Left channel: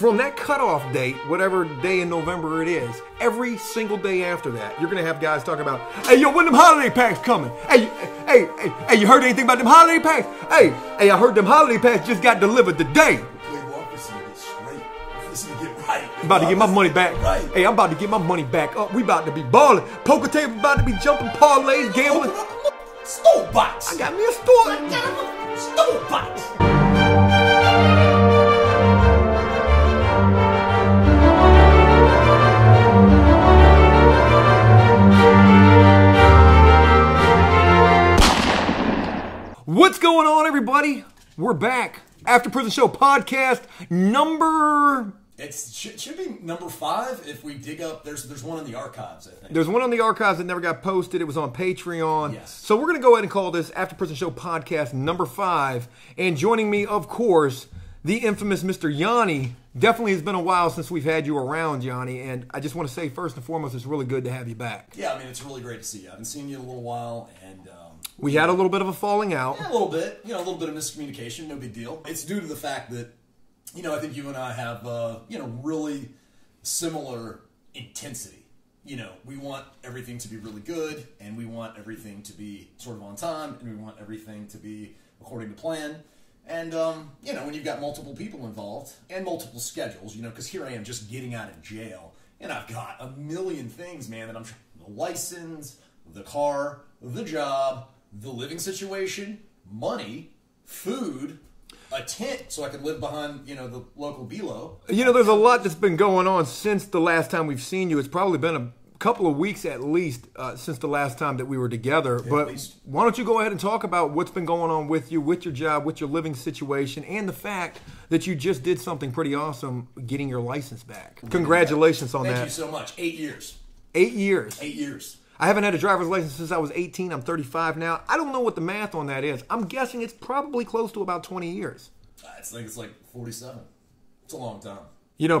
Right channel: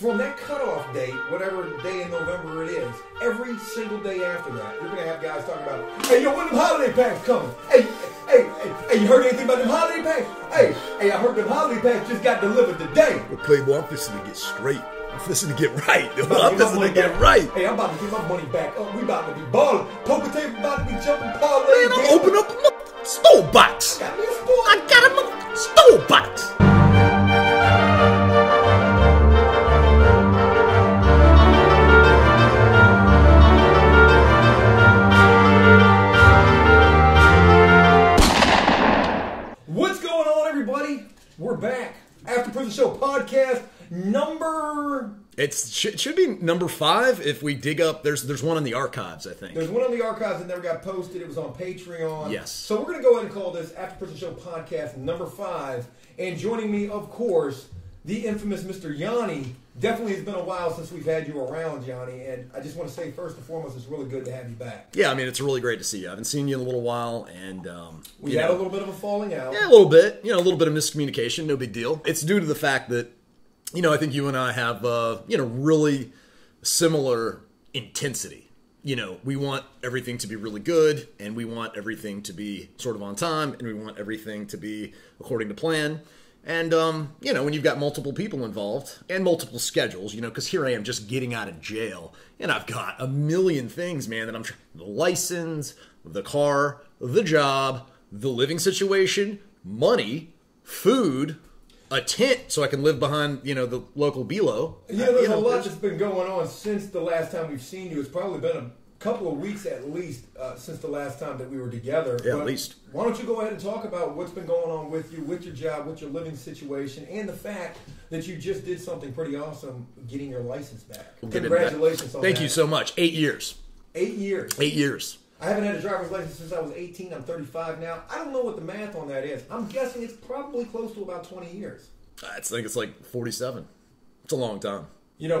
from that cutoff date, whatever day in November it is, every single day after that, you're going to have guys talking about, hey, yo, when them holiday packs coming? Hey, you heard anything about them holiday packs? Hey, I heard them holiday packs just got delivered today. Well, Playboy, I'm fixing to get straight. I'm fixing to get right. I'm about to get my money back. Right. Hey, I'm about to get my money back up. We about to be balling. Poker table about to be jumping parlays. Open up a store box. I got me a store. I got a store box. What's going on, everybody? We're back. After Prison Show podcast number... It should be number 5 if we dig up. There's one in the archives, I think. There's one on the archives that never got posted. It was on Patreon. Yes. So we're going to go ahead and call this After Prison Show podcast number 5. And joining me, of course, the infamous Mr. Yanni. Definitely has been a while since we've had you around, Yanni. And I just want to say, first and foremost, it's really good to have you back. Yeah, I mean, it's really great to see you. I haven't seen you in a little while, and... we had a little bit of a falling out. Yeah, a little bit. A little bit of miscommunication. No big deal. It's due to the fact that, I think you and I have, really similar intensity. We want everything to be really good, and we want everything to be sort of on time, and we want everything to be according to plan. And, when you've got multiple people involved and multiple schedules, because here I am just getting out of jail, and I've got a million things, man, that I'm trying. The license, the car, the job, the living situation, money, food, a tent so I can live behind, the local Bilo. There's a lot that's been going on since the last time we've seen you. It's probably been a couple of weeks at least since the last time that we were together. Yeah, but at least. Why don't you go ahead and talk about what's been going on with you, with your job, with your living situation, and the fact that you just did something pretty awesome, getting your license back. Congratulations on that. Thank you so much. 8 years. 8 years. 8 years. I haven't had a driver's license since I was 18. I'm 35 now. I don't know what the math on that is. I'm guessing it's probably close to about 20 years. I think it's like 47. It's a long time.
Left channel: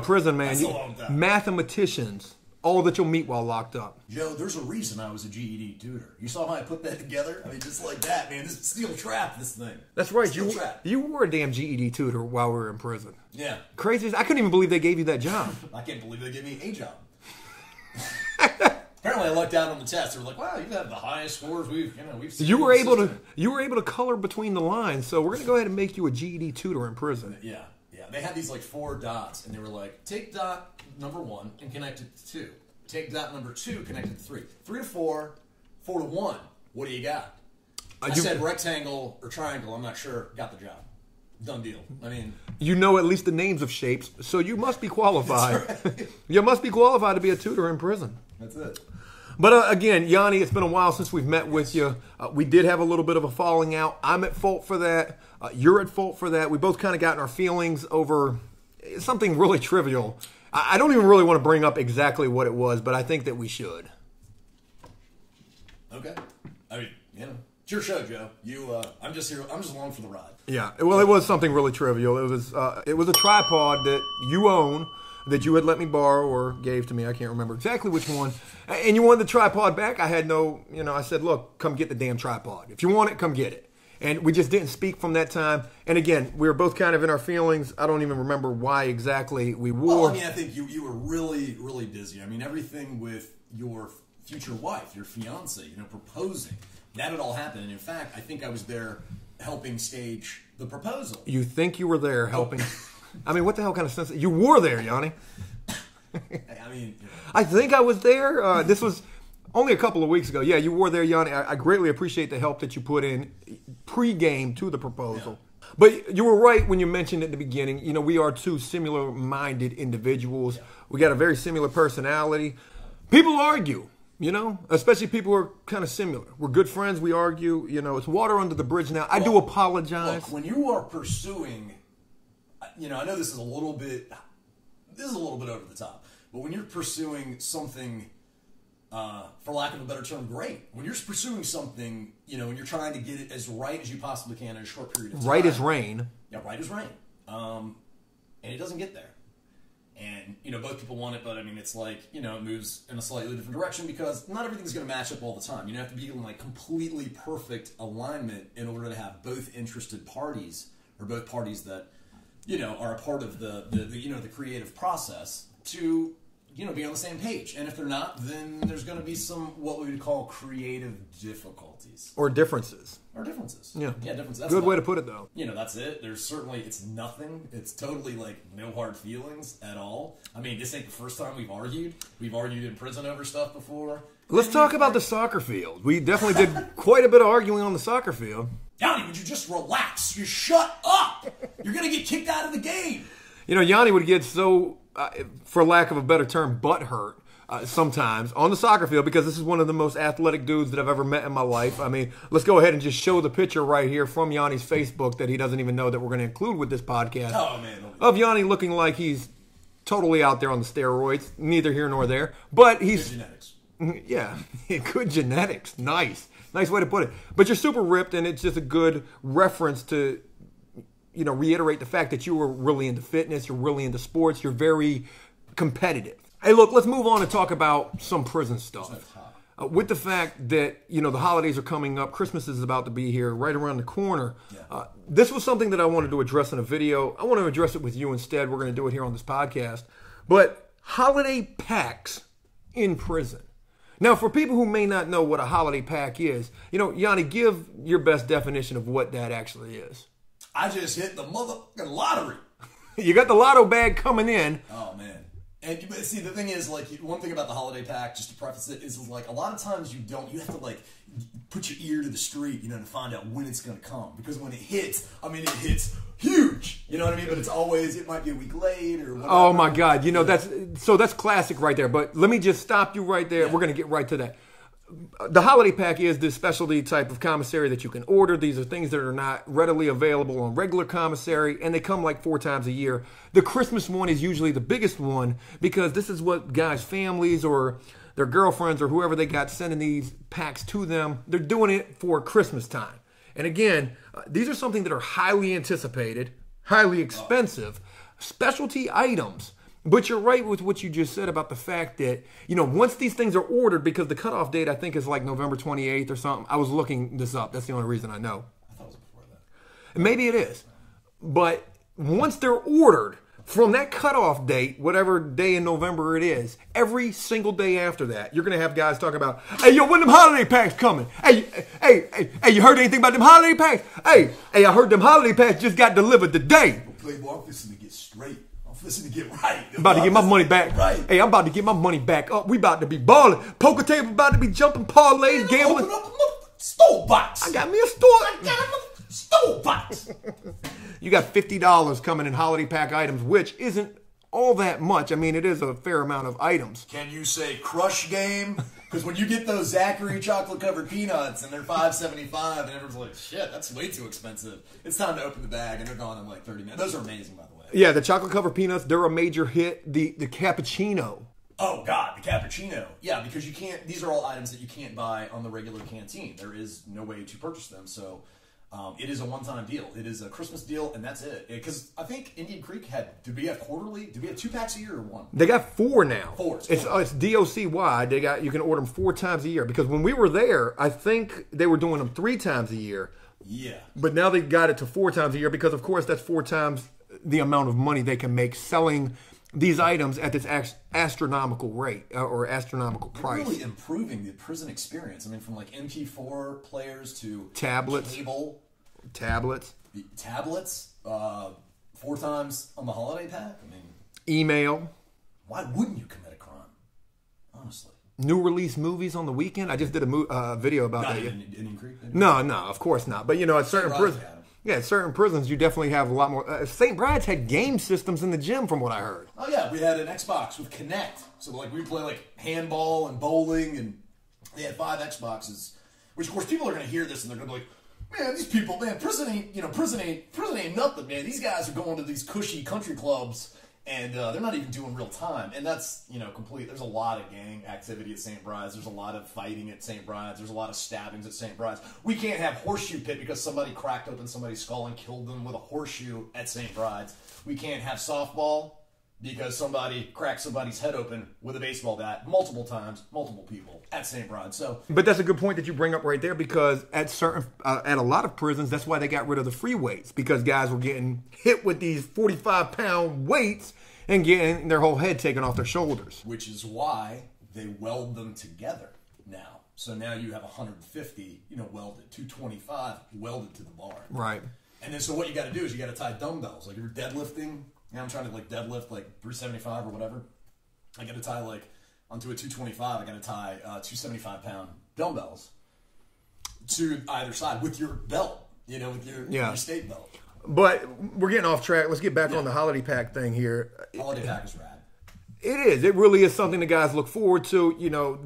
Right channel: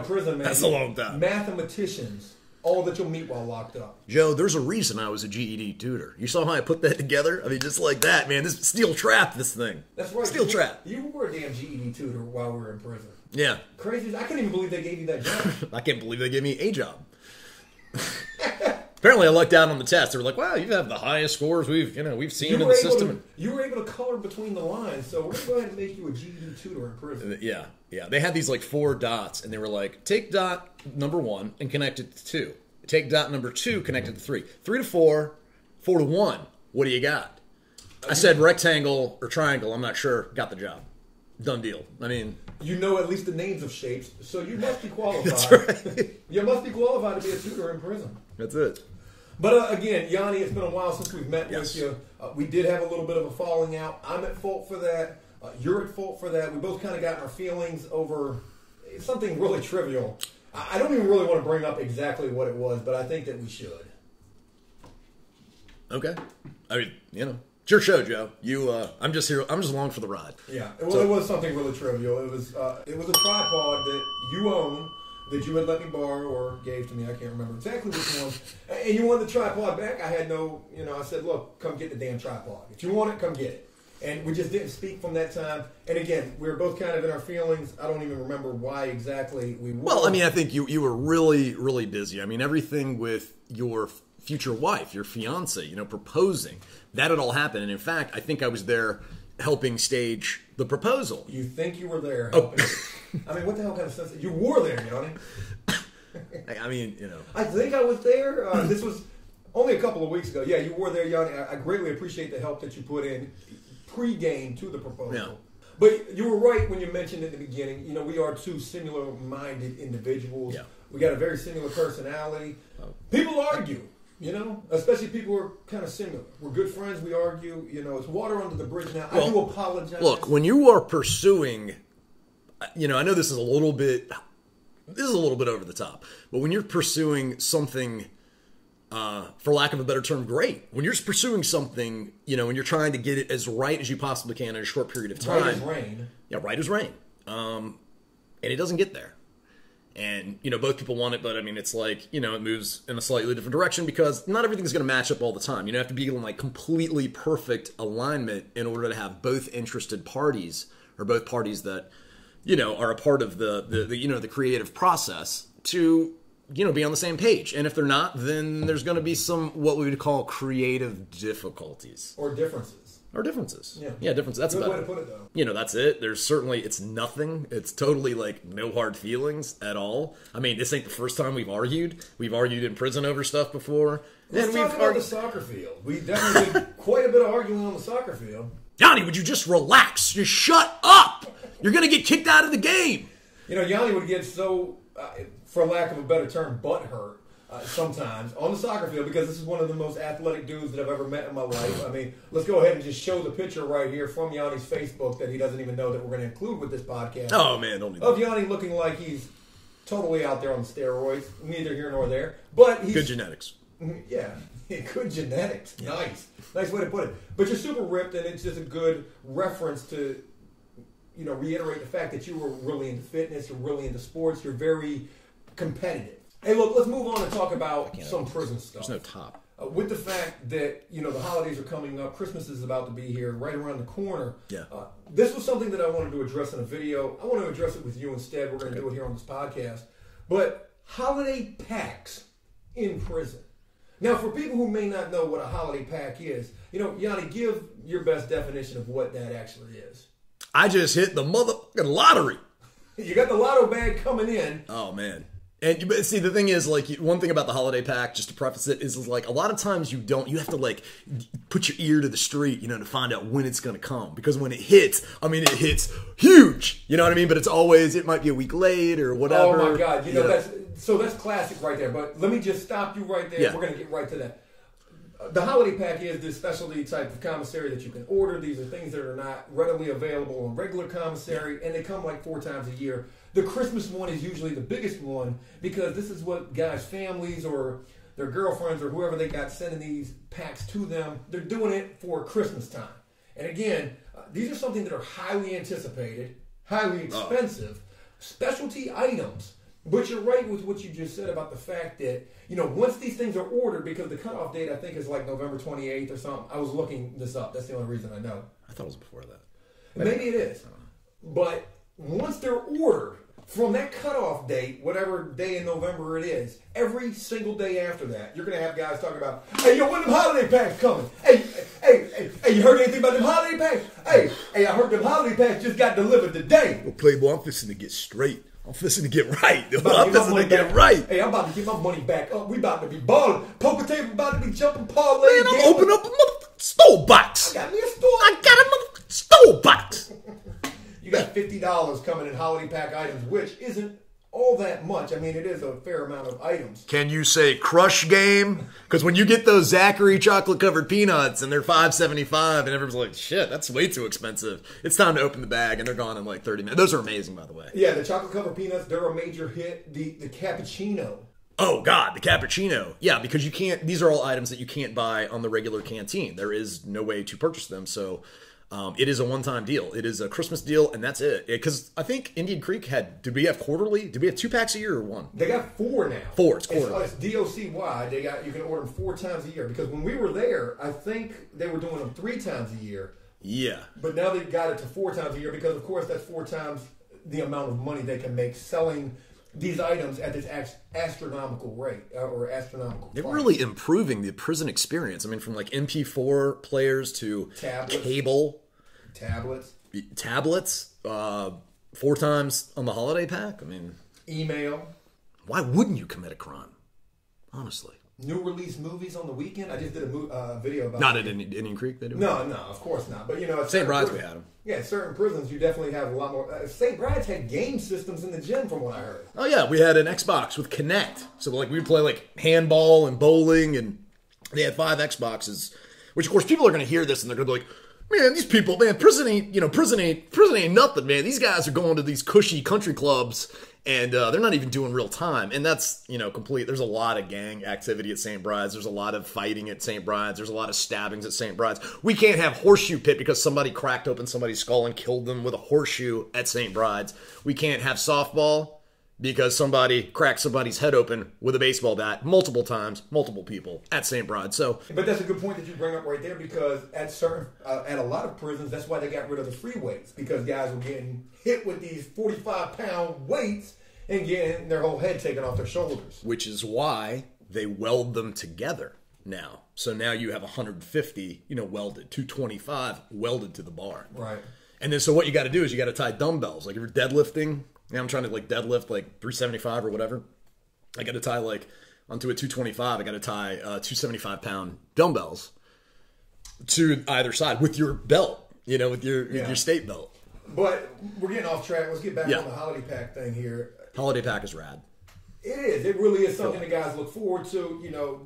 Prison, man. That's a long time. Mathematicians, all that you'll meet while locked up. Joe, there's a reason I was a GED tutor. You saw how I put that together? I mean, just like that, man. This steel trap, this thing. That's right. Steel trap. You were a damn GED tutor while we were in prison. Yeah. Crazy. I couldn't even believe they gave you that job. I can't believe they gave me a job. Apparently, I lucked out on the test. They were like, "Wow, you have the highest scores we've seen." You were able to color between the lines. So we're gonna go ahead and make you a GED tutor in prison. Yeah. They had these like 4 dots, and they were like, "Take dot number 1 and connect it to 2. Take dot number 2, connect it to 3. 3 to 4, 4 to 1. What do you got?" I said rectangle or triangle. I'm not sure. Got the job. Done deal. I mean, at least the names of shapes, so you must be qualified. That's right. You must be qualified to be a tutor in prison. That's it. But again, Yanni, it's been a while since we've met with you. We did have a little bit of a falling out. I'm at fault for that. You're at fault for that. We both kind of got in our feelings over something really trivial. I don't even really want to bring up exactly what it was, but I think that we should. Okay. I mean, it's your show, Joe. I'm just here. I'm just along for the ride. Yeah. Well, it was something really trivial. It was a tripod that you own, that you had let me borrow or gave to me. I can't remember exactly which one. And you wanted the tripod back. I had I said, look, come get the damn tripod. If you want it, come get it. And we just didn't speak from that time. And again, we were both kind of in our feelings. I don't even remember why exactly we were. Well, I mean, I think you were really, really busy. I mean, everything with your future wife, your fiance, proposing, that had all happened. And in fact, I think I was there helping stage the proposal. You think you were there helping? I mean, what the hell kind of sense? You were there, Yanni. I mean, I think I was there. This was only a couple of weeks ago. Yeah, you were there, Yanni. I greatly appreciate the help that you put in pre-game to the proposal. Yeah. But you were right when you mentioned at the beginning, we are two similar-minded individuals. Yeah. We got a very similar personality. People argue, especially people who are kind of similar. We're good friends. We argue. It's water under the bridge now. I do apologize. Look, when you are pursuing... I know this is a little bit over the top, but when you're pursuing something, for lack of a better term, great. When you're pursuing something, when you're trying to get it as right as you possibly can in a short period of time. Right as rain. Yeah, right as rain. And it doesn't get there. And, both people want it, but I mean, it's like, it moves in a slightly different direction because not everything's going to match up all the time. You have to be in like completely perfect alignment in order to have both interested parties or both parties that are a part of the creative process to, be on the same page. And if they're not, then there's going to be some, what we would call creative difficulties. Or differences. Yeah, differences. That's good way to put it, though. That's it. There's certainly, it's nothing. It's totally like no hard feelings at all. I mean, this ain't the first time we've argued. We've argued in prison over stuff before. Let's talk about the soccer field. We definitely did quite a bit of arguing on the soccer field. Yanni, would you just relax? Just shut up! You're going to get kicked out of the game. Yanni would get so, for lack of a better term, butthurt sometimes on the soccer field because this is one of the most athletic dudes that I've ever met in my life. I mean, let's go ahead and just show the picture right here from Yanni's Facebook that he doesn't even know that we're going to include with this podcast. Oh, man. Of Yanni looking like he's totally out there on the steroids. Neither here nor there. But he's... Good genetics. Yeah, good genetics. Nice way to put it. But you're super ripped, and it's just a good reference to, reiterate the fact that you were really into fitness, you're really into sports, you're very competitive. Hey, look, let's move on and talk about some prison stuff. There's no top. With the fact that, the holidays are coming up, Christmas is about to be here, right around the corner. Yeah. This was something that I wanted to address in a video. I want to address it with you instead. We're going to do it here on this podcast. But holiday packs in prison. Now, for people who may not know what a holiday pack is, Yanni, give your best definition of what that actually is. I just hit the motherfucking lottery. You got the lotto bag coming in. Oh, man. And see, the thing is, like, one thing about the holiday pack, just to preface it, is like a lot of times you have to like put your ear to the street, to find out when it's going to come. Because when it hits, it hits huge. You know what I mean? But it might be a week late or whatever. Oh my God. That's classic right there. But let me just stop you right there. Yeah. We're going to get right to that. The holiday pack is this specialty type of commissary that you can order. These are things that are not readily available on regular commissary, and they come like 4 times a year. The Christmas one is usually the biggest one because this is what guys' families or their girlfriends or whoever they got sending these packs to them, they're doing it for Christmas time. And again, these are something that are highly anticipated, highly expensive, specialty items. But you're right with what you just said about the fact that, once these things are ordered, because the cutoff date, I think, is like November 28th or something. I was looking this up. That's the only reason I know. I thought it was before that. Maybe it is. But once they're ordered, from that cutoff date, whatever day in November it is, every single day after that, you're going to have guys talking about, hey, yo, when them holiday packs coming? Hey, you heard anything about them holiday packs? Hey, I heard them holiday packs just got delivered today. Well, Playboy, I'm fixing to get straight. I'm fixing to get right. I'm about to get my money back. Right. Hey, I'm about to get my money back up. We about to be balling. Poker table about to be jumping parlay. Open up a motherfucking store box. I got me a store. I got a motherfucking store box. You got $50 coming in holiday pack items, which isn't all that much. It is a fair amount of items. Can you say crush game? Because when you get those Zachary chocolate-covered peanuts and they're $5.75 and everyone's like, shit, that's way too expensive. It's time to open the bag and they're gone in like 30 minutes. Those are amazing, by the way. Yeah, the chocolate-covered peanuts, they're a major hit. The cappuccino. Oh, God, the cappuccino. Yeah, because you can't, these are all items that you can't buy on the regular canteen. There is no way to purchase them, so... it is a one-time deal. It is a Christmas deal, and that's it. Because I think Indian Creek did we have quarterly? Did we have 2 packs a year or 1? They got 4 now. 4. It's DOCY. You can order them 4 times a year. Because when we were there, I think they were doing them 3 times a year. Yeah. But now they got it to 4 times a year because, of course, that's 4 times the amount of money they can make selling these items at this astronomical rate or astronomical price. They're really improving the prison experience. From like MP4 players to tablets, cable, tablets, 4 times on the holiday pack. Email. Why wouldn't you commit a crime? Honestly. New release movies on the weekend. I just did a video about not in Indian Creek. No, of course not. But at certain prisons, at certain prisons, you definitely have a lot more. St. Bride's had game systems in the gym, from what I heard. Oh yeah, we had an Xbox with Kinect, so like we would play like handball and bowling, and they had 5 Xboxes. Which of course people are going to hear this and they're going to be like, man, these people, man, prison ain't nothing, man. These guys are going to these cushy country clubs. And they're not even doing real time. And that's, complete. There's a lot of gang activity at St. Bride's. There's a lot of fighting at St. Bride's. There's a lot of stabbings at St. Bride's. We can't have horseshoe pit because somebody cracked open somebody's skull and killed them with a horseshoe at St. Bride's. We can't have softball because somebody cracked somebody's head open with a baseball bat multiple times, multiple people at St. Bride. So, but that's a good point that you bring up right there, because at a lot of prisons, that's why they got rid of the free weights, because guys were getting hit with these 45-pound weights and getting their whole head taken off their shoulders. Which is why they weld them together now. So now you have 150, welded, 225 welded to the bar. Right. And then so what you got to do is you got to tie dumbbells. Like if you're deadlifting, I'm trying to deadlift 375 or whatever. I got to tie onto a 225. I got to tie 275-pound dumbbells to either side with your belt, with your state belt. But we're getting off track. Let's get back on the holiday pack thing here. Holiday pack is rad. It is. It really is something the guys look forward to.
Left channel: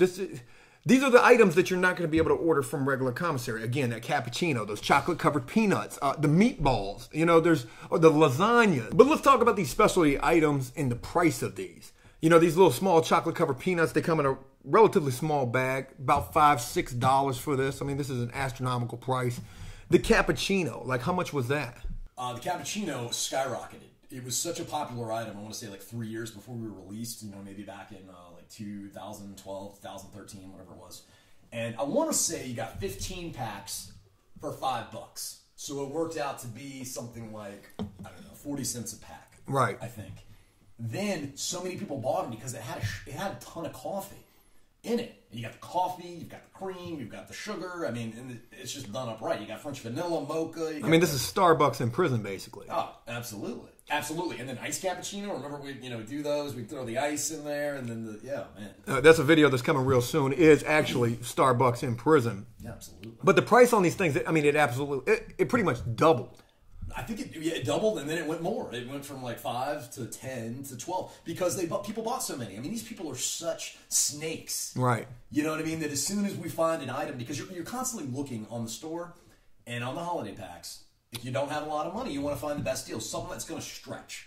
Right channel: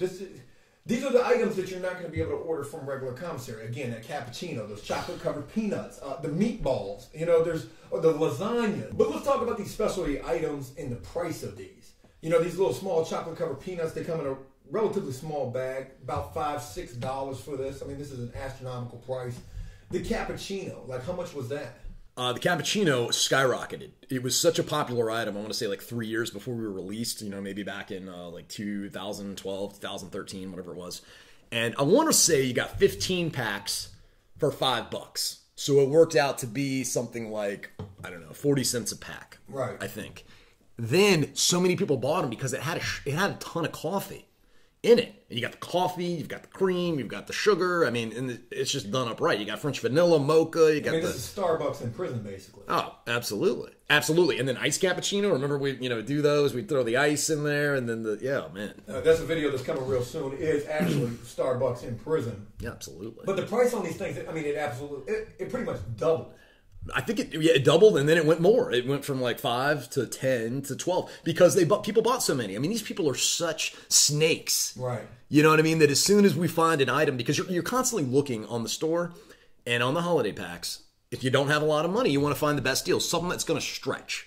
These are the items that you're not going to be able to order from regular commissary. Again, a cappuccino, those chocolate-covered peanuts, the meatballs, there's the lasagna. But let's talk about these specialty items and the price of these. These little small chocolate-covered peanuts, they come in a relatively small bag, about $5, $6 for this. I mean, this is an astronomical price. The cappuccino, how much was that? The cappuccino skyrocketed. It was such a popular item, I want to say 3 years before we were released, maybe back in 2012, 2013, whatever it was. And I want to say you got 15 packs for $5. So it worked out to be something like, 40 cents a pack. Right. I think. Then so many people bought them because it had a ton of coffee in it. And you got the coffee, you've got the cream, you've got the sugar. I mean, and it's just done up right. You got French vanilla, mocha. This is Starbucks in prison, basically. Oh, absolutely. Absolutely. And then ice cappuccino. Remember we, do those. We throw the ice in there and then that's a video that's coming real soon. It is actually Starbucks in prison. Yeah, absolutely. But the price on these things, it pretty much doubled. I think it doubled, and then it went more. It went from 5 to 10 to 12 because people bought so many. I mean, these people are such snakes, right? You know what I mean? That as soon as we find an item, because you're constantly looking on the store and on the holiday packs. If you don't have a lot of money, you want to find the best deal, something that's going to stretch.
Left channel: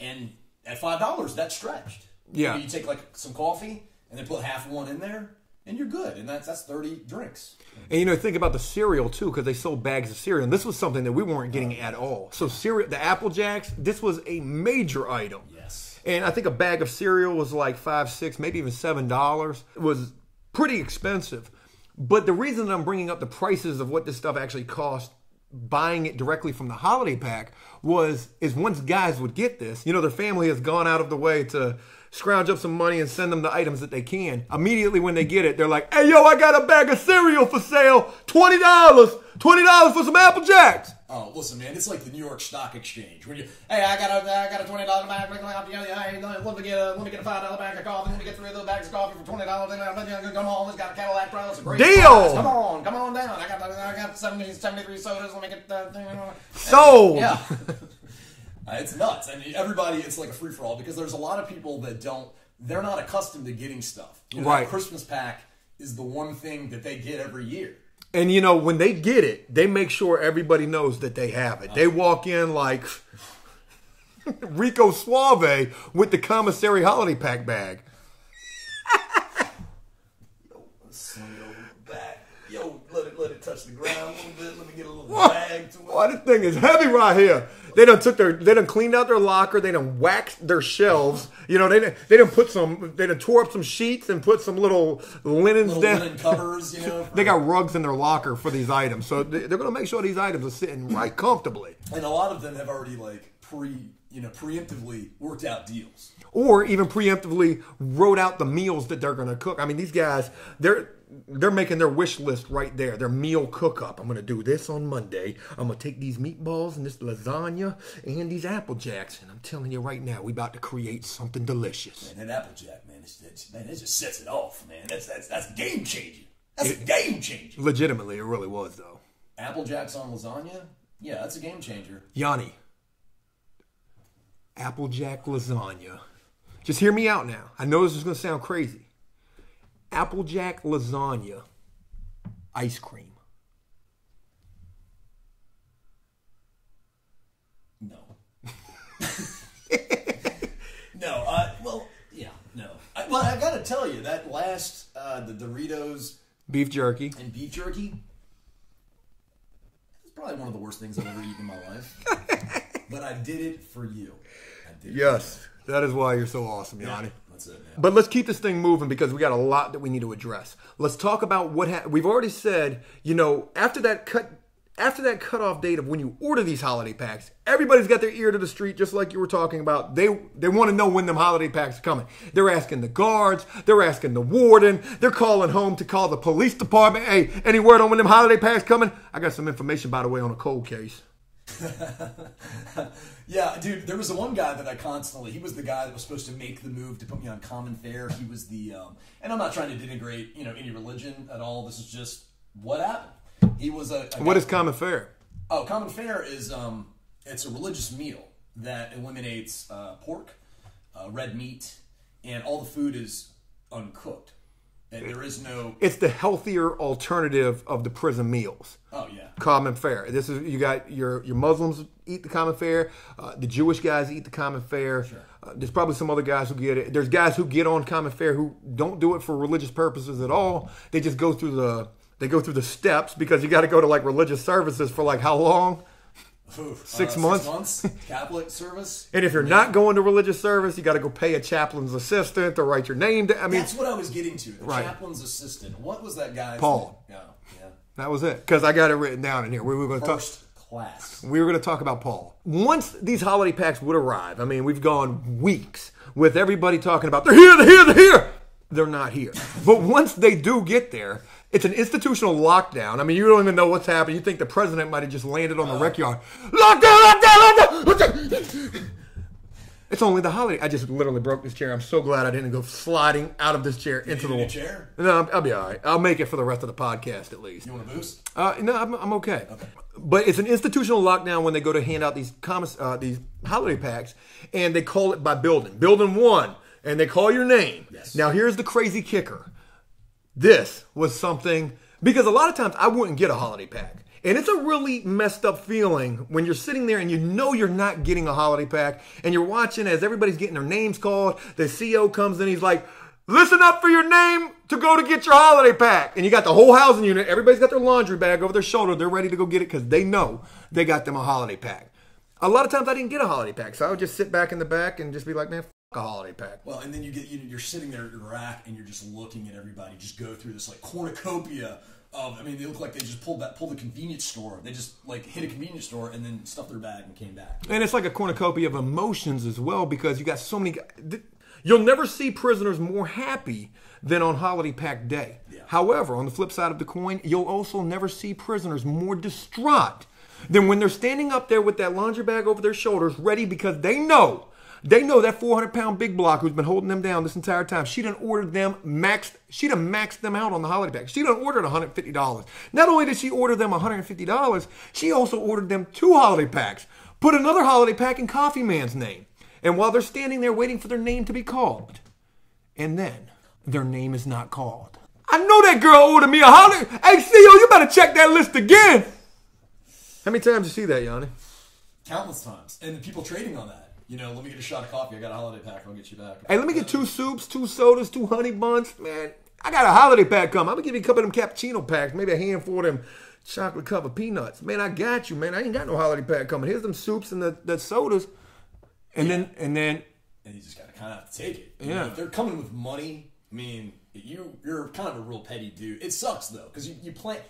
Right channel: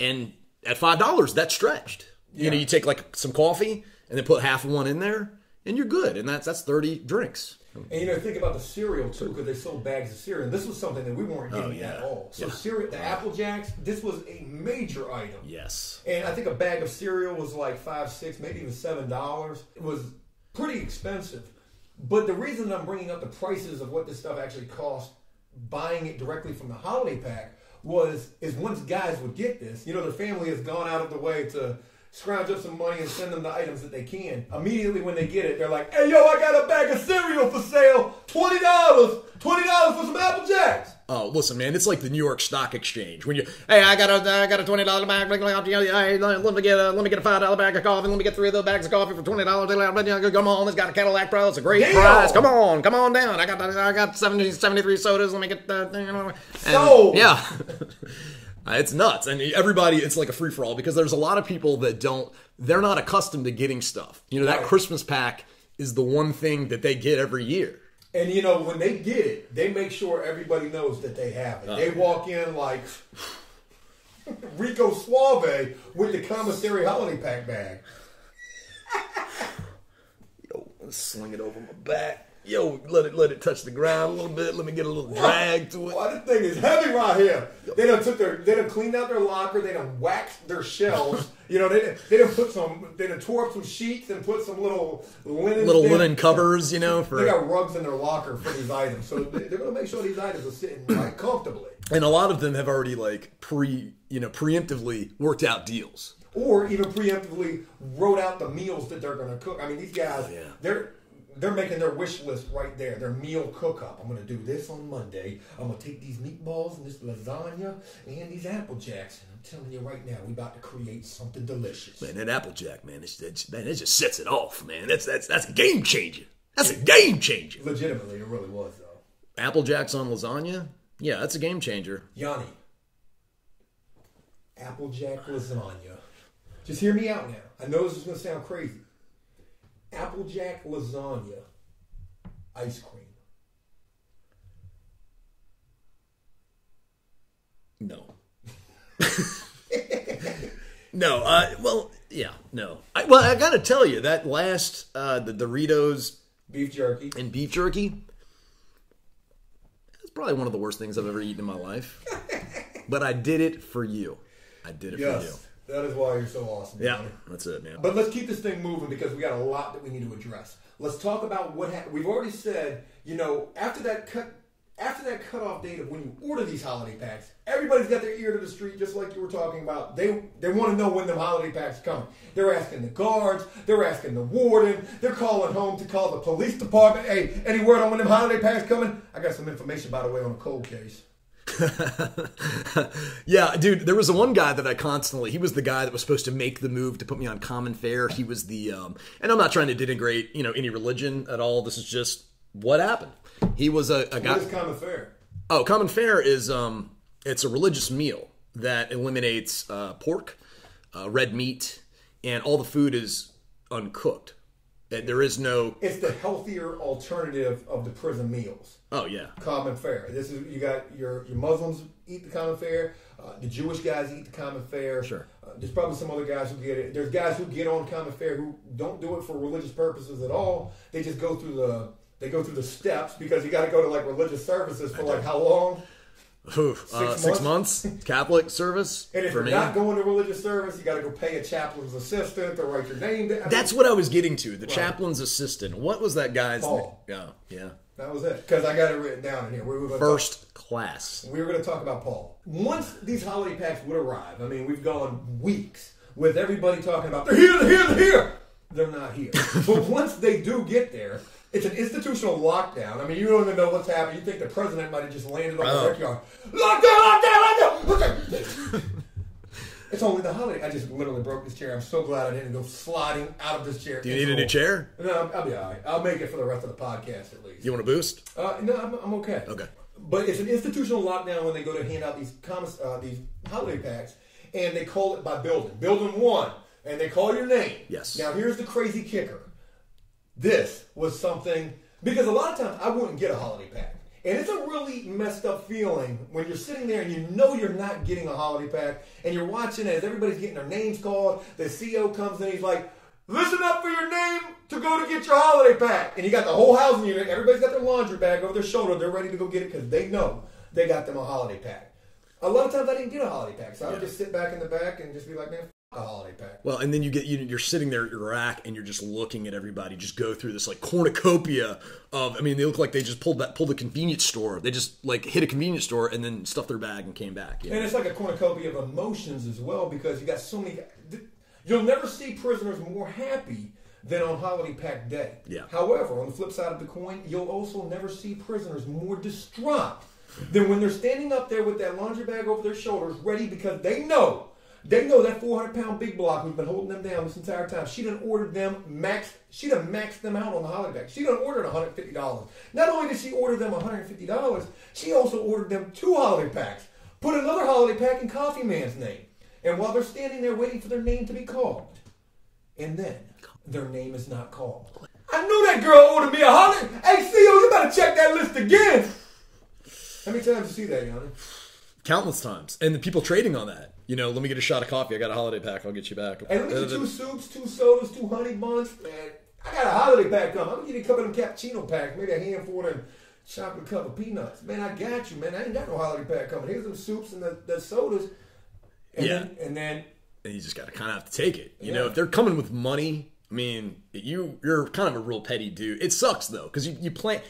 And at $5, that's stretched. Yeah. You take some coffee and then put half of one in there, and you're good. And that's 30 drinks. And think about the cereal too, because they sold bags of cereal, and this was something that we weren't getting at all. So cereal, the Apple Jacks, this was a major item. Yes. And I think a bag of cereal was $5, $6, maybe even $7. It was pretty expensive. But the reason that I'm bringing up the prices of what this stuff actually cost, buying it directly from the holiday pack, is once guys would get this, their family has gone out of the way to scrounge up some money and send them the items that they can. Immediately when they get it, they're like, "Hey, yo, I got a bag of cereal for sale, $20, $20 for some Apple Jacks." Oh, listen, man, it's like the New York Stock Exchange. When I got a $20 bag. Hey, let me get a $5 bag of coffee. Let me get 3 of those bags of coffee for $20. Come on, it's got a Cadillac Pro. It's a great price. Come on down. I got 73 sodas. Let me get that thing. So yeah. It's nuts. And everybody, it's like a free-for-all because there's a lot of people that they're not accustomed to getting stuff. That Christmas pack is the one thing that they get every year. And, when they get it, they make sure everybody knows that they have it. They walk in like Rico Suave with the commissary holiday pack bag. Yo, let's sling it over my back. Yo, let it touch the ground a little bit. Let me get a little drag to it. Why this thing is heavy right here. They done cleaned out their locker. They done waxed their shelves. They done tore up some sheets and put some little linen covers. They got rugs in their locker for these items, so they're going to make sure these items are sitting right comfortably. And a lot of them have already preemptively worked out deals, or even preemptively wrote out the meals that they're going to cook. I mean, these guys, they're making their wish list right there. Their meal cook-up. I'm going to do this on Monday. I'm going to take these meatballs and this lasagna and these Apple Jacks. And I'm telling you right now, we about to create something delicious. Man, that Apple Jack, man, it just sets it off, man. That's a game changer. That's a game changer. Legitimately, it really was, though. Apple Jacks on lasagna? Yeah, that's a game changer. Yanni, Apple Jack lasagna. Just hear me out now. I know this is going to sound crazy. Applejack lasagna, ice cream. No. No. No. I got to tell you, that last, the Doritos beef jerky and beef jerky, that's probably one of the worst things I've ever eaten in my life. But I did it for you. I did it for you. That is why you're so awesome, Yeah, Johnny. that's it, man. But let's keep this thing moving because we got a lot that we need to address. Let's talk about what we've already said. You know, after that cutoff date of when you order these holiday packs, everybody's got their ear to the street, just like you were talking about. They want to know when them holiday packs are coming. They're asking the guards. They're asking the warden. They're calling home to call the police department. Hey, any word on when them holiday packs coming? I got some information, by the way, on a cold case. Yeah, dude, there was the one guy that he was the guy that was supposed to make the move to put me on common fare. He was the, and I'm not trying to denigrate, any religion at all. This is just what happened. He was a guy. What is common fare? Oh, common fare is, it's a religious meal that eliminates pork, red meat, and all the food is uncooked. And there is no... It's the healthier alternative of the prison meals. Oh, yeah. Common fare. This is, you got your Muslims eat the common fare. The Jewish guys eat the common fare. Sure. There's probably some other guys who get it. There's guys who get on common fare who don't do it for religious purposes at all. They just go through the steps because you got to go to like religious services for like how long? 6 months. 6 months. Catholic service. And if you're not going to religious service, you got to go pay a chaplain's assistant to write your name down. That's what I was getting to. The chaplain's assistant. What was that guy's Paul. name? Yeah. That was it. Because I got it written down in here. We were going to First class. We were going to talk about Paul. Once these holiday packs would arrive, I mean, we've gone weeks with everybody talking about, they're here. They're not here. But once they do get there, it's an institutional lockdown. I mean, you don't even know what's happening. You think the president might have just landed on the rec yard. Lockdown! It's only the holiday. I just literally broke this chair. I'm so glad I didn't go sliding out of this chair. Do you need a new chair? No, I'll be all right. I'll make it for the rest of the podcast at least. You want a boost? No, I'm okay. Okay. But it's an institutional lockdown when they go to hand out these holiday packs, and they call it by building. Building 1, and they call your name. Yes. Now, here's the crazy kicker. This was something, because a lot of times I wouldn't get a holiday pack. And it's a really messed up feeling when you're sitting there and you know you're not getting a holiday pack, and you're watching as everybody's getting their names called. The CEO comes in, he's like, listen up for your name to go to get your holiday pack. And you got the whole housing unit, everybody's got their laundry bag over their shoulder. They're ready to go get it because they know they got them a holiday pack. A lot of times I didn't get a holiday pack, so I would just sit back in the back and just be like, man, a holiday pack. Well, and then you're sitting there at your rack and you're just looking at everybody just go through this like cornucopia of, I mean, they look like they just pulled a convenience store. They just like hit a convenience store and then stuffed their bag and came back. And it's like a cornucopia of emotions as well, because you got so many. You'll never see prisoners more happy than on holiday pack day. Yeah. However, on the flip side of the coin, you'll also never see prisoners more distraught than when they're standing up there with that laundry bag over their shoulders, ready, because they know that 400-pound big block who's been holding them down this entire time. She done ordered them She'd have maxed them out on the holiday pack. She done ordered $150. Not only did she order them $150, she also ordered them 2 holiday packs. Put another holiday pack in Coffee Man's name. And while they're standing there waiting for their name to be called, and then their name is not called. I know that girl ordered me a holiday. Hey, CEO, you better check that list again. How many times you see that, Yanni? Countless times. And the people trading on that. Let me get a shot of coffee. I got a holiday pack. I'll get you back. Hey, let me get 2 soups, 2 sodas, 2 honey buns. Man, I got a holiday pack coming. I'm going to give you a couple of them cappuccino packs. Maybe a handful of them chocolate covered peanuts. Man, I got you, man. I ain't got no holiday pack coming. Here's them soups and the sodas. And then you just got to kind of have to take it. You know, if they're coming with money, I mean, you're kind of a real petty dude. It sucks though, because you plan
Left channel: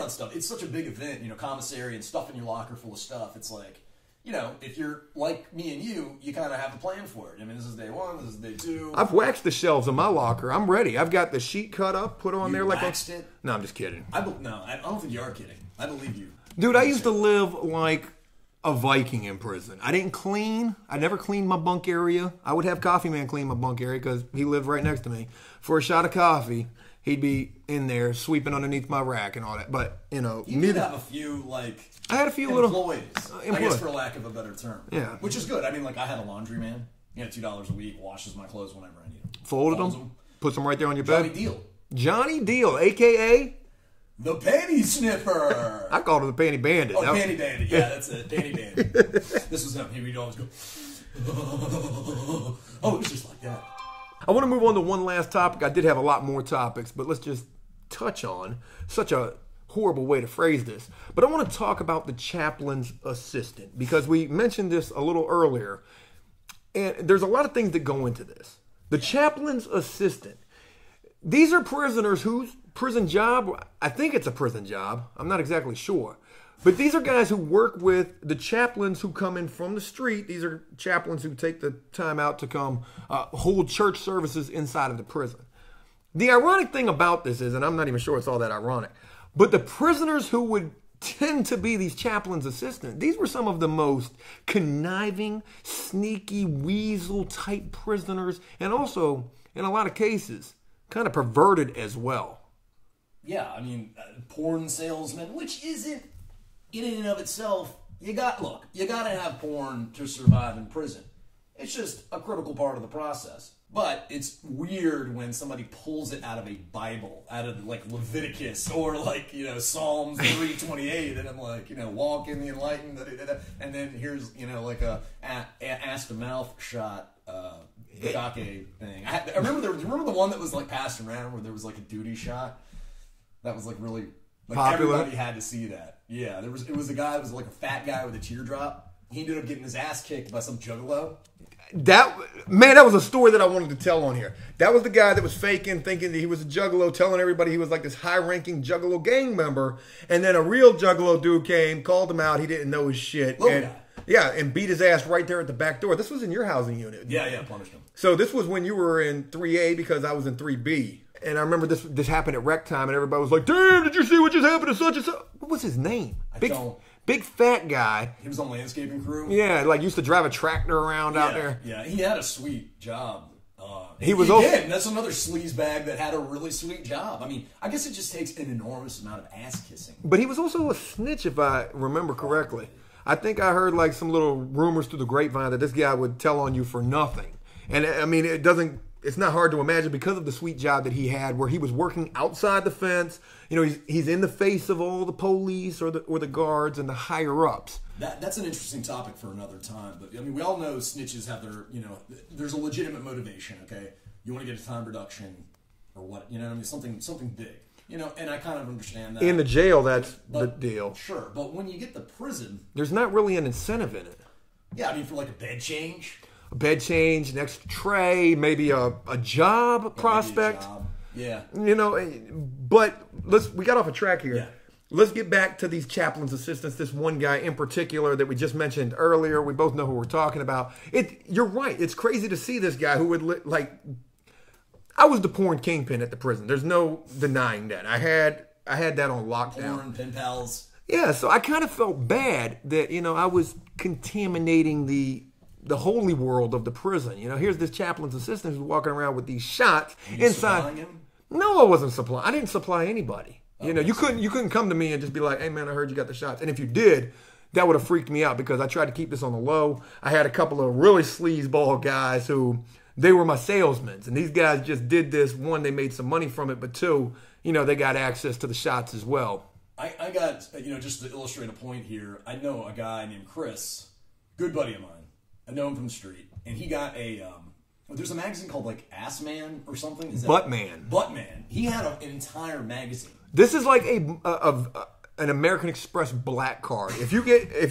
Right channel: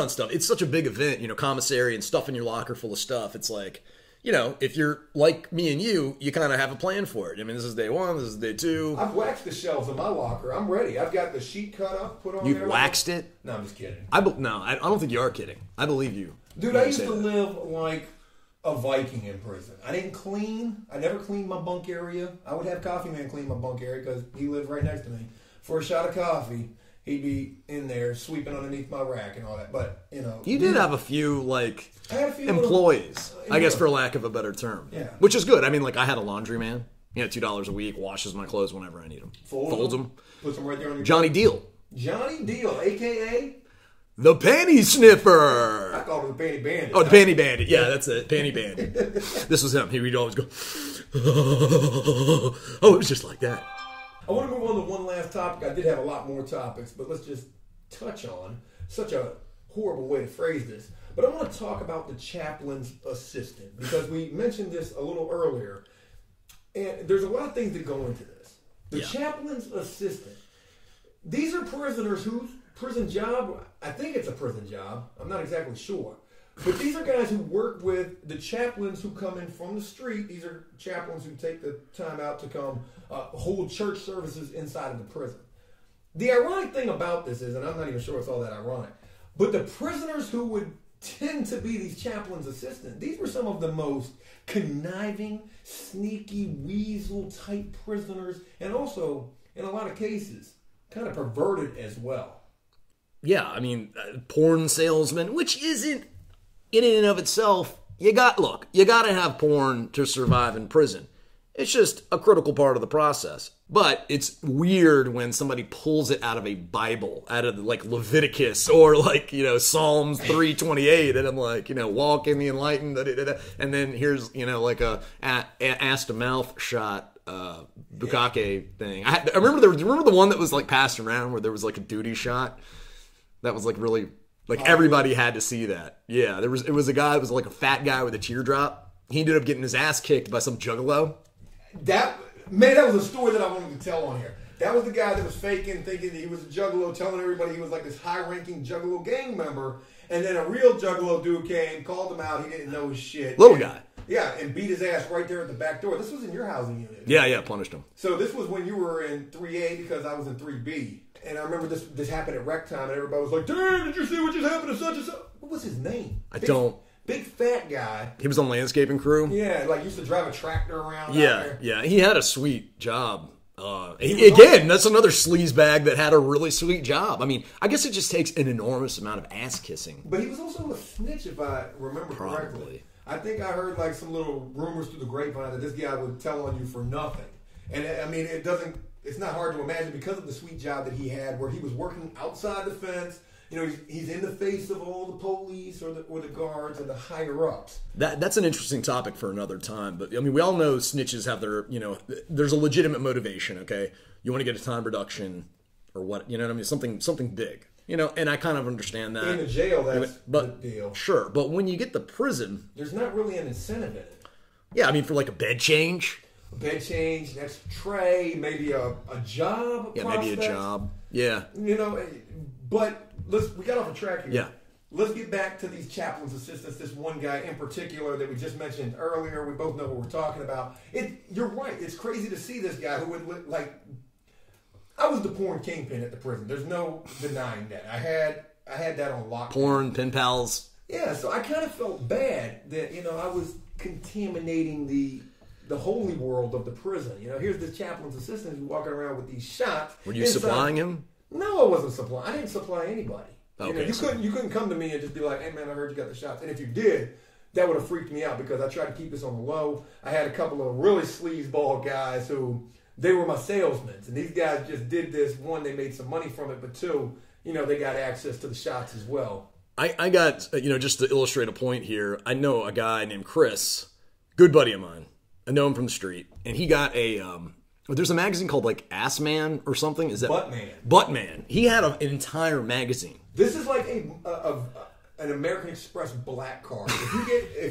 on stuff. It's such a big event, commissary and stuff in your locker full of stuff. It's like, if you're like me and you kind of have a plan for it. I mean, this is day 1, this is day 2. I've waxed the shelves in my locker. I'm ready. I've got the sheet cut up, put on you there. Waxed it? No, I'm just kidding. I don't think you are kidding. I believe you. Dude, I used to live like a Viking in prison. I didn't clean. I never cleaned my bunk area. I would have Coffee Man clean my bunk area because he lived right next to me. For a shot of coffee, he'd be in there sweeping underneath my rack and all that. But, You did have a few, I had a few employees, I guess, for lack of a better term. Yeah. Which is good. I mean, I had a laundryman, $2 a week, washes my clothes whenever I need them. Folds them. Puts them right there on your Johnny bed. Deal. Johnny Deal, a.k.a. the Panty Sniffer. I called him the Panty Bandit. Oh, Panty Bandit. Yeah, that's it. Panty Bandit. This was him. He'd always go, oh, it was just like that. I want to move on to one last topic. I did have a lot more topics, but let's just touch on such a horrible way to phrase this. But I want to talk about the chaplain's assistant, because we mentioned this a little earlier. And there's a lot of things that go into this. The chaplain's assistant. These are prisoners whose prison job, I think it's a prison job. I'm not exactly sure. But these are guys who work with the chaplains who come in from the street. These are chaplains who take the time out to come hold church services inside of the prison. The ironic thing about this is, and I'm not even sure it's all that ironic, but the prisoners who would tend to be these chaplains' assistants, these were some of the most conniving, sneaky, weasel-type prisoners, and also, in a lot of cases, kind of perverted as well. Yeah, I mean, porn salesman, which isn't, in and of itself, you got to have porn to survive in prison. It's just a critical part of the process. But it's weird when somebody pulls it out of a Bible, out of like Leviticus or like, Psalms 3:28, and I'm like, walk in the enlightened, and then here's, like a ass to mouth shot, bukkake thing. I remember the one that was like passed around where there was like a duty shot that was like really like everybody had to see that. Yeah, it was a guy that was like a fat guy with a teardrop. He ended up getting his ass kicked by some juggalo. That was a story that I wanted to tell on here. That was the guy that was faking, thinking that he was a juggalo, telling everybody he was like this high-ranking juggalo gang member. And then a real juggalo dude came, called him out. He didn't know his shit. Little guy. Yeah, and beat his ass right there at the back door. This was in your housing unit. Yeah, punished him. So this was when you were in 3A because I was in 3B. And I remember this happened at rec time, and everybody was like, "Damn, did you see what just happened to such and such?" What was his name? I don't. Big fat guy. He was on landscaping crew. Yeah, like used to drive a tractor around out there. Yeah, he had a sweet job. That's another sleaze bag that had a really sweet job. I mean, I guess it just takes an enormous amount of ass kissing. But he was also a snitch, if I remember correctly. I think I heard like some little rumors through the grapevine that this guy would tell on you for nothing. And I mean, it's not hard to imagine because of the sweet job that he had where he was working outside the fence. He's in the face of all the police or the guards and the higher ups. That's an interesting topic for another time. But I mean, we all know snitches have their, there's a legitimate motivation. Okay, you want to get a time reduction or what? You know what I mean? Something big. And I kind of understand that. In the jail, that's the deal. Sure, but when you get the prison, there's not really an incentive in it. Yeah, I mean, for like a bed change, an extra tray, maybe a job prospect. Maybe a job. Yeah. But we got off a track here. Yeah. Let's get back to these chaplain's assistants. This one guy in particular that we just mentioned earlier. We both know who we're talking about. You're right. It's crazy to see this guy who would I was the porn kingpin at the prison. There's no denying that. I had that on lockdown. Porn, pen pals. Yeah, so I kind of felt bad that, I was contaminating the holy world of the prison. Here's this chaplain's assistant who's walking around with these shots. Were you supplying him? No, I wasn't supplying. I didn't supply anybody. Okay, you couldn't come to me and just be like, "Hey man, I heard you got the shots." And if you did, that would have freaked me out because I tried to keep this on the low. I had a couple of really sleazeball guys who they were my salesmen, and these guys just did this. One, they made some money from it, but two, they got access to the shots as well. I got just to illustrate a point here. I know a guy named Chris, good buddy of mine. I know him from the street, and he got a. There's a magazine called like Ass Man or something. Is that Buttman? He had an entire magazine. This is like an American Express black card. If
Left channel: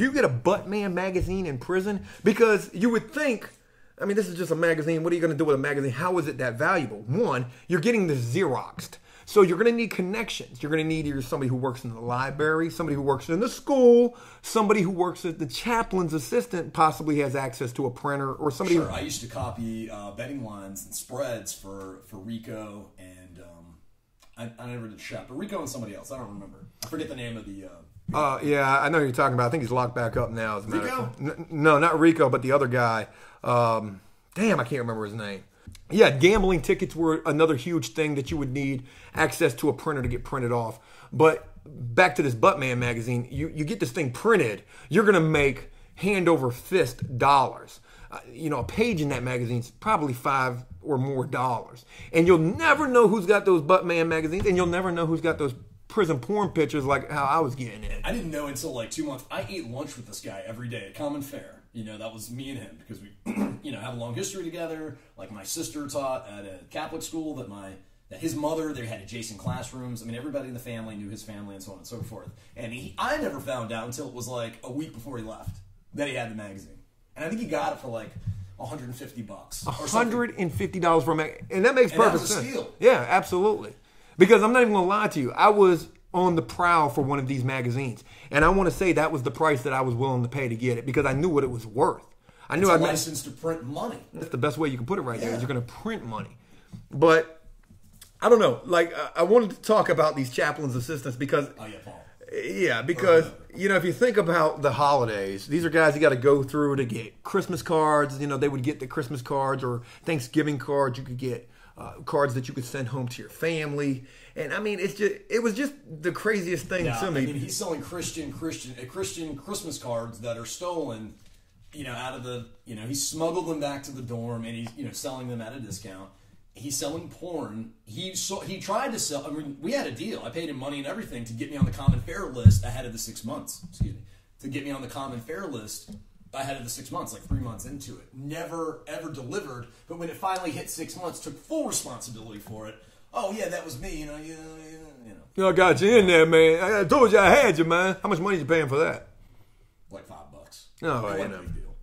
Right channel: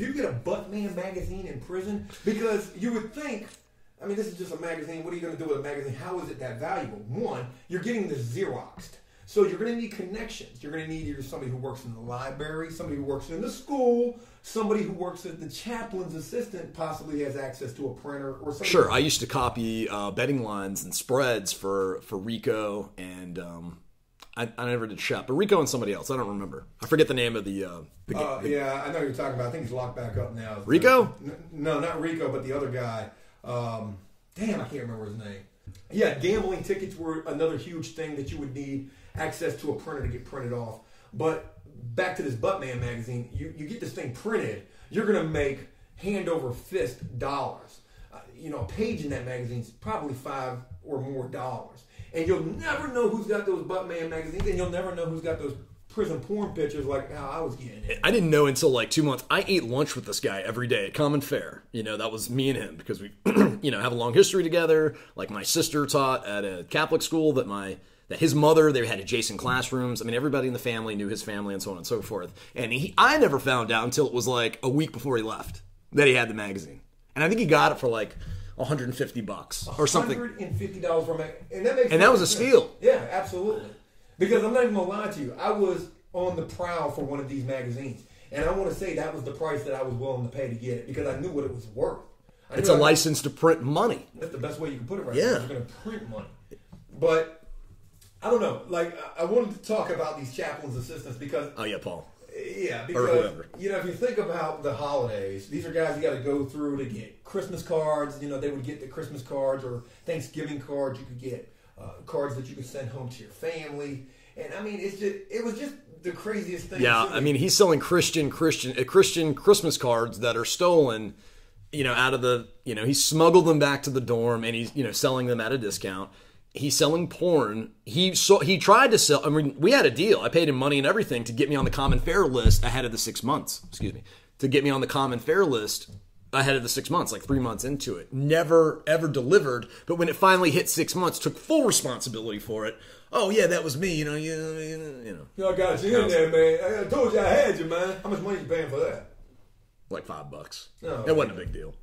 you get a Buttman magazine in prison, because you would think, I mean, this is just a magazine. What are you going to do with a magazine? How is it that valuable? One, you're getting this Xeroxed. So you're going to need connections. You're going to need either somebody who works in the library, somebody who works in the school, somebody who works as the chaplain's assistant, possibly has access to a printer, or somebody. Sure, I used to copy betting lines and spreads for Rico, and I never did shop, but Rico and somebody else. I don't remember. I forget the name of the yeah, I know who you're talking about. I think he's locked back up now. Rico? No, not Rico, but the other guy. Damn, I can't remember his name. Yeah, gambling tickets were another huge thing that you would need access to a printer to get printed off. But back to this Buttman magazine, you get this thing printed, you're going to make hand over fist dollars. A page in that magazine is probably $5 or more. And you'll never know who's got those Buttman magazines, and you'll never know who's got those prison porn pictures like how I was getting it. I didn't know until like 2 months. I ate lunch with this guy every day at Common Fare. That was me and him because we, have a long history together. Like my sister taught at a Catholic school that his mother, they had adjacent classrooms. I mean, everybody in the family knew his family and so on and so forth. And I never found out until it was like a week before he left that he had the magazine. And I think he got it for like $150 or something. $150 for a magazine. And that makes And that was a sense. steal. Yeah, absolutely. Because I'm not even going to lie to you. I was on the prowl for one of these magazines. And I want to say that was the price that I was willing to pay to get it because I knew what it was worth. I knew It's a license to print money. That's the best way you can put it right Yeah. now. You're going to print money. But I don't know. Like, I wanted to talk about these chaplain's assistants because... Oh, yeah, Paul. Yeah, because, if you think about the holidays, these are guys you got to go through to get Christmas cards. They would get the Christmas cards or Thanksgiving cards. You could get cards that you could send home to your family. And, I mean, it was just the craziest thing. Yeah, I mean, he's selling Christian Christmas cards that are stolen, out of the, he smuggled them back to the dorm and he's, selling them at a discount. He's selling porn. He tried to sell. I mean, we had a deal. I paid him money and everything to get me on the common fare list ahead of the 6 months. Excuse me. To get me on the common fare list ahead of the 6 months, like 3 months into it. Never, ever delivered. But when it finally hit 6 months, took full responsibility for it. Oh, yeah, that was me. I got you in there, man. I told you I had you, man. How much money you paying for that? Like $5. No, it wasn't a big deal.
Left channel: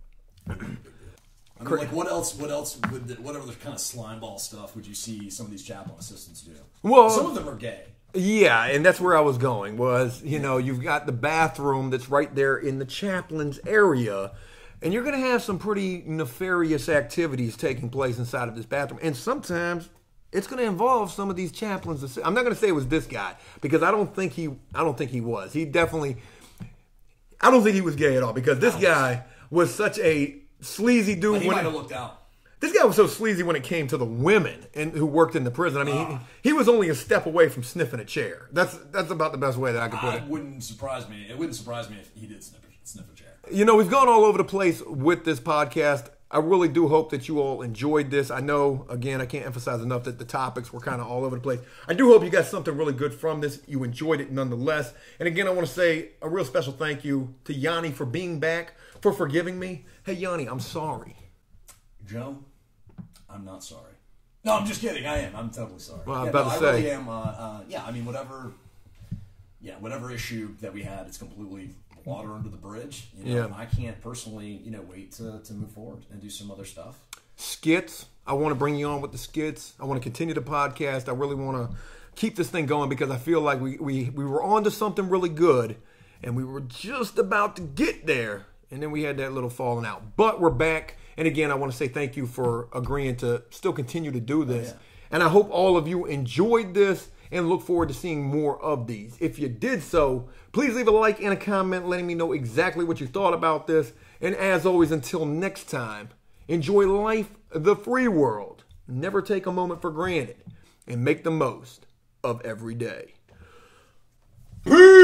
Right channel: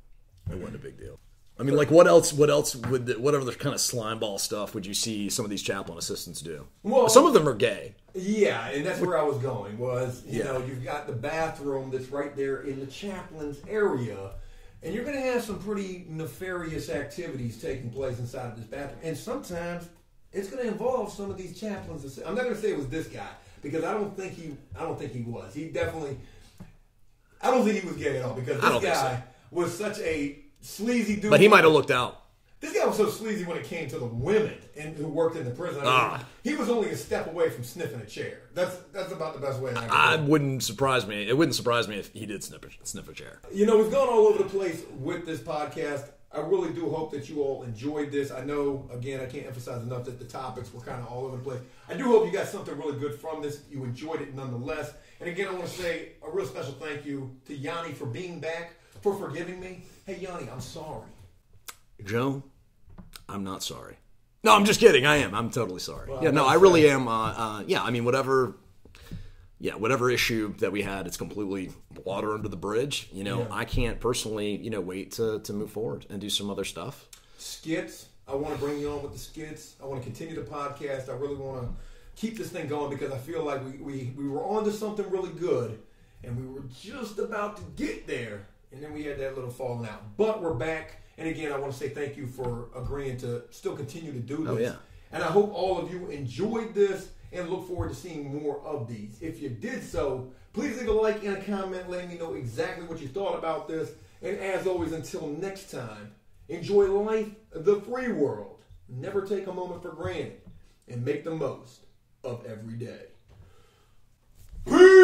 It wasn't a big deal. I mean, like, what else what other kind of slime ball stuff would you see some of these chaplain assistants do? Well, some of them are gay. Yeah, and that's where I was going was, you've got the bathroom that's right there in the chaplain's area, and you're going to have some pretty nefarious activities taking place inside of this bathroom. And sometimes it's going to involve some of these chaplains. I'm not going to say it was this guy because I don't think he was. He definitely, I don't think he was gay at all because this guy was such a sleazy dude. But he might have looked out. This guy was so sleazy when it came to the women who worked in the prison. I mean, he was only a step away from sniffing a chair. That's about the best way that I could put it. It wouldn't surprise me if he did sniff a chair. We've gone all over the place with this podcast. I really do hope that you all enjoyed this. I know, again, I can't emphasize enough that the topics were kind of all over the place. I do hope you got something really good from this. You enjoyed it nonetheless. And again, I want to say a real special thank you to Yanni for being back, for forgiving me. Hey, Yanni, I'm sorry. Joe, I'm not sorry. No, I'm just kidding. I am. I'm totally sorry. Well, I really am. I mean, whatever issue that we had, it's completely water under the bridge. I can't personally, wait to move forward and do some other stuff. Skits. I want to bring you on with the skits. I want to continue the podcast. I really want to keep this thing going because I feel like we were on to something really good and we were just about to get there. And then we had that little falling out. But we're back. And again, I want to say thank you for agreeing to still continue to do this. And I hope all of you enjoyed this and look forward to seeing more of these. If you did so, please leave a like and a comment letting me know exactly what you thought about this. And as always, until next time, enjoy life, the free world. Never take a moment for granted and make the most of every day. Peace!